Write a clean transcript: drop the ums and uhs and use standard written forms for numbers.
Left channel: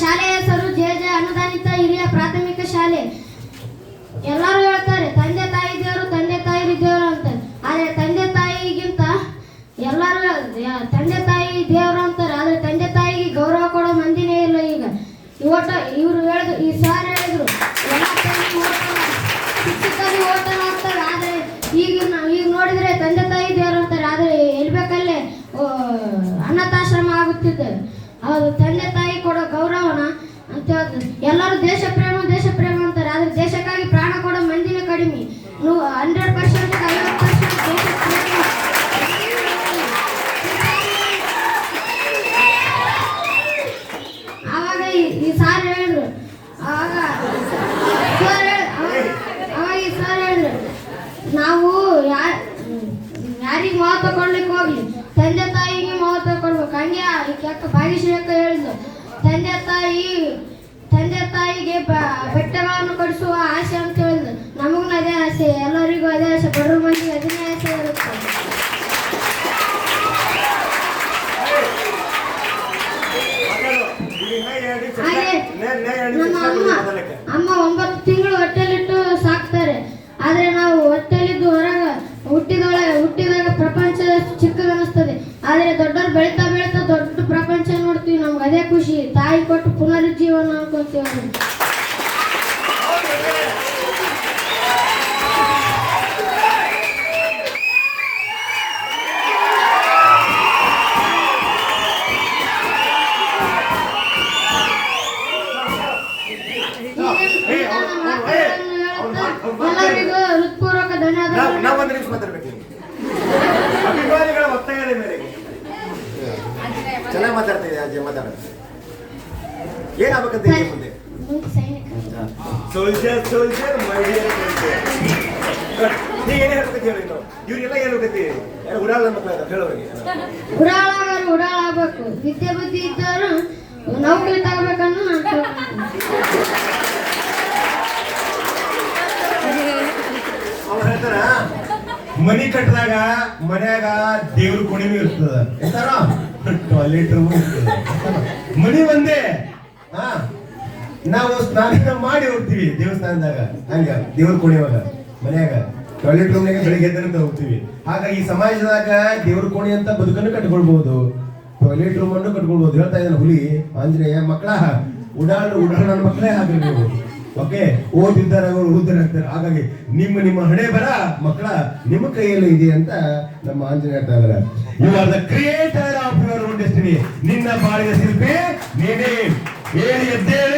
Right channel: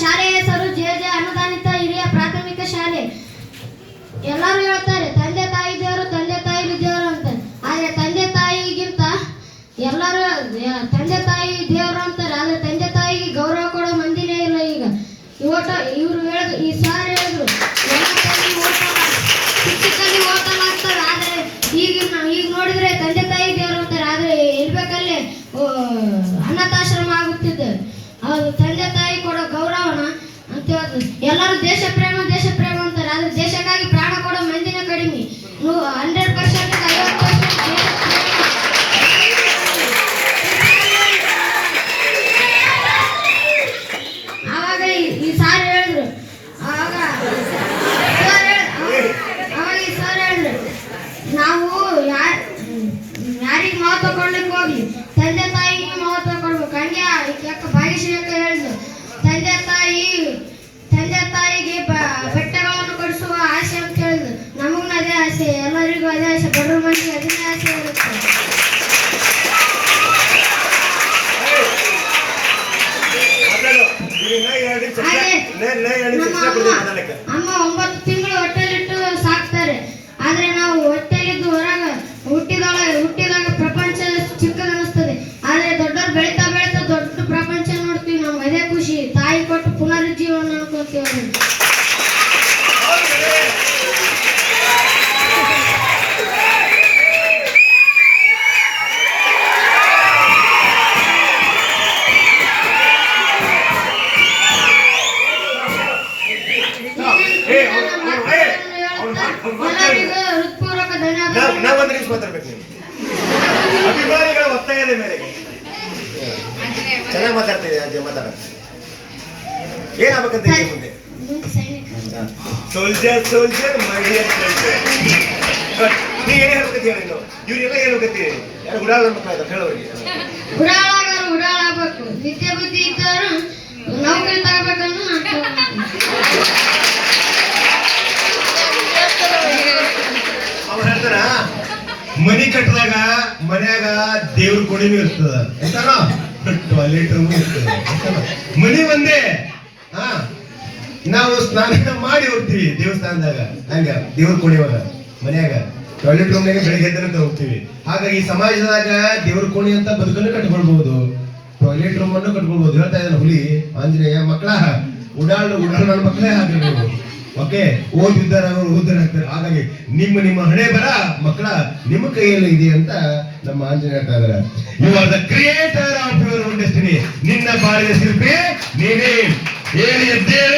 ಶಾಲೆಯ ಹೆಸರು ಜೆ ಅನುದಾನಿತ ಹಿರಿಯ ಪ್ರಾಥಮಿಕ ಶಾಲೆ. ಎಲ್ಲರೂ ಹೇಳ್ತಾರೆ ತಂದೆ ತಾಯಿ ದೇವರು ಅಂತ. ಆದ್ರೆ ತಂದೆ ತಾಯಿಗಿಂತ ಎಲ್ಲರೂ ತಂದೆ ತಾಯಿ ದೇವರು ಅಂತಾರೆ. ಆದ್ರೆ ತಂದೆ ತಾಯಿಗೆ ಗೌರವ ಕೊಡೋ ಮಂದಿನೇ ಇಲ್ಲ. ಈಗ ಇವರು ಹೇಳಿದ್ರು, ಈ ಸಾರ್ ಹೇಳಿದ್ರು ಶಿಕ್ಷಕರಿಗೆ ಓಟಲ್ಲ ಅಂತಾರೆ. ಆದ್ರೆ ಈಗ ನೋಡಿದ್ರೆ ತಂದೆ ತಾಯಿ ದೇವರು ಅಂತಾರೆ. ಆದ್ರೆ ಇರ್ಬೇಕಲ್ಲೇ ಅನಾಥಾಶ್ರಮ ಆಗುತ್ತಿದೆ. ಅದು ತಂದೆ ತಾಯಿ ಕೊಡೋ ಗೌರವನ ಅಂತ ಹೇಳಿದ್ರು. ಎಲ್ಲರೂ ದೇಶ ಪ್ರೇಮ ಅಂತಾರೆ. ಆದ್ರೆ ದೇಶಕ್ಕಾಗಿ ಪ್ರಾಣ ಕೊಡೋ ಮಂದಿನೇ ಕಡಿಮೆ. 100% 50% ಆವಾಗ ಈ ಸಾರ್ ಹೇಳಿದ್ರು ನಾವು ಯಾರಿಗೆ ಮಹತ್ವ ಕೊಡ್ಲಿಕ್ಕೆ ಹೋಗ್ಲಿ ತಂದೆ ತಾಯಿಗೆ ಮಹತ್ವ ಕೊಡ್ಬೇಕು. ಹಂಗೆ ಭಾಗ್ಯಶ್ರೀಕ ಹೇಳಿದ್ರು, ತಂದೆ ತಾಯಿಗೆ ಬೆಟ್ಟಗಳನ್ನು ಕೊಡಿಸುವ ಆಸೆ ಅಂತ ಹೇಳಿದ್ರು. ನಮಗೂ ಅದೇ ಆಸೆ, ಎಲ್ಲರಿಗೂ ಅದೇ ಆಸೆ, ಬಡವ್ರ ಮಂದಿಗೆ ಅದನ್ನೇ ಆಸೆ ಇರುತ್ತೆ. ಅಮ್ಮ 9 ತಿಂಗಳು ಹೊಟ್ಟೆಲಿಟ್ಟು ಸಾಕ್ತಾರೆ. ಆದ್ರೆ ನಾವು ಹೊಟ್ಟೆಲಿದ್ದು ಹುಟ್ಟಿದಾಗ ಪ್ರಪಂಚ ಚಿಕ್ಕದನಿಸ್ತದೆ. ಆದ್ರೆ ದೊಡ್ಡವ್ರು ಬೆಳೀತಾ ದೊಡ್ಡ ಪ್ರಪಂಚ ನೋಡ್ತೀವಿ. ನಮ್ಗೆ ಅದೇ ಖುಷಿ. ತಾಯಿ ಕೊಟ್ಟು ಪುನರುಜ್ಜೀವನ ಅನ್ಕೋತೀವಿ. ಎಲ್ಲರಿಗೂ ಹೃತ್ಪೂರ್ವಕ ಧನ್ಯವಾದ. ನಾವೊಂದು ನಿಮಿಷ ಮಾತಾಡ್ಬೇಕು. ಅಭಿಮಾನಿಗಳ ಒತ್ತಾಯದ ಮೇರೆಗೆ ಚೆನ್ನಾಗಿ ಮಾತಾಡ್ತಿದೆ. ಮಾತಾಡೋದು ಏನಾಗಬೇಕಂತ ಇದೆ ಮುಂದೆ? Soldier my dear soldier. ನೀ ಏನೇ ಹೇಳ್ಬೇಕಂತ ಹೇಳಿ. ಇವ್ರಿಗೆಲ್ಲ ಹೇಳ್ಬೇಕಂತ ಯಾರು ಉಡಾಳ ಮಕ್ಕಳ ಹೇಳೋರಿಗೆ ಉಡಾಳಾಗಬೇಕು. ವಿದ್ಯೆ ಬುದ್ಧಿ ಇದ್ದವರು ನೌಕರಿ ತಗೋಬೇಕನ್ನು ಅವ್ರು ಹೇಳ್ತಾರ, ಮನಿ ಕಟ್ಟಿದಾಗ ಮನ್ಯಾಗ ದೇವ್ರ ಕೊಡಿನೂ ಇರ್ತದ ಅಂತಾರ, ಟಾಯ್ಲೆಟ್ ರೂಮ್ ಇರ್ತದ. ಮನಿ ಒಂದೇ. ನಾವು ಸ್ನಾನ ಮಾಡಿ ಹೋಗ್ತೀವಿ ದೇವಸ್ಥಾನದಾಗ, ಹಂಗ ದೇವ್ರ ಕೋಣಿವಾಗ ಮನ್ಯಾಗ ಟಾಯ್ಲೆಟ್ ರೂಮ್ನಾಗ ಬೆಳಿಗ್ಗೆ ಎದ್ದ ಹೋಗ್ತೀವಿ. ಹಾಗಾಗಿ ಸಮಾಜದಾಗ ದೇವ್ರ ಕೋಣಿ ಅಂತ ಬದುಕನ್ನು ಕಟ್ಕೊಳ್ಬಹುದು, ಟಾಯ್ಲೆಟ್ ರೂಮ್ ಅನ್ನು ಕಟ್ಕೊಳ್ಬಹುದು. ಹೇಳ್ತಾ ಇದ್ದಾನೆ ಹುಲಿ ಆಂಜನೇಯ, ಮಕ್ಕಳ ಉಡಾಳು ನನ್ನ ಮಕ್ಕಳೇ ಹಾಗೆ ನೀವು. ಓಕೆ, ಓದಿದ್ದಾರೆ ಓದಿರ್ತಾರೆ. ಹಾಗಾಗಿ ನಿಮ್ಮ ಹಣೆ ಬರ ಮಕ್ಕಳ ನಿಮ್ಮ ಕೈಯಲ್ಲಿ ಇದೆ ಅಂತ ನಮ್ಮ ಆಂಜನೇಯ ಹೇಳ್ತಾ ಇದ್ದಾರೆ. You are the creator of your own destiny. ನಿನ್ನ ಬಾಳಿದ ಶಿಲ್ಪಿ ನೀವೇ. ಏನು ಎದ್ದೇಳು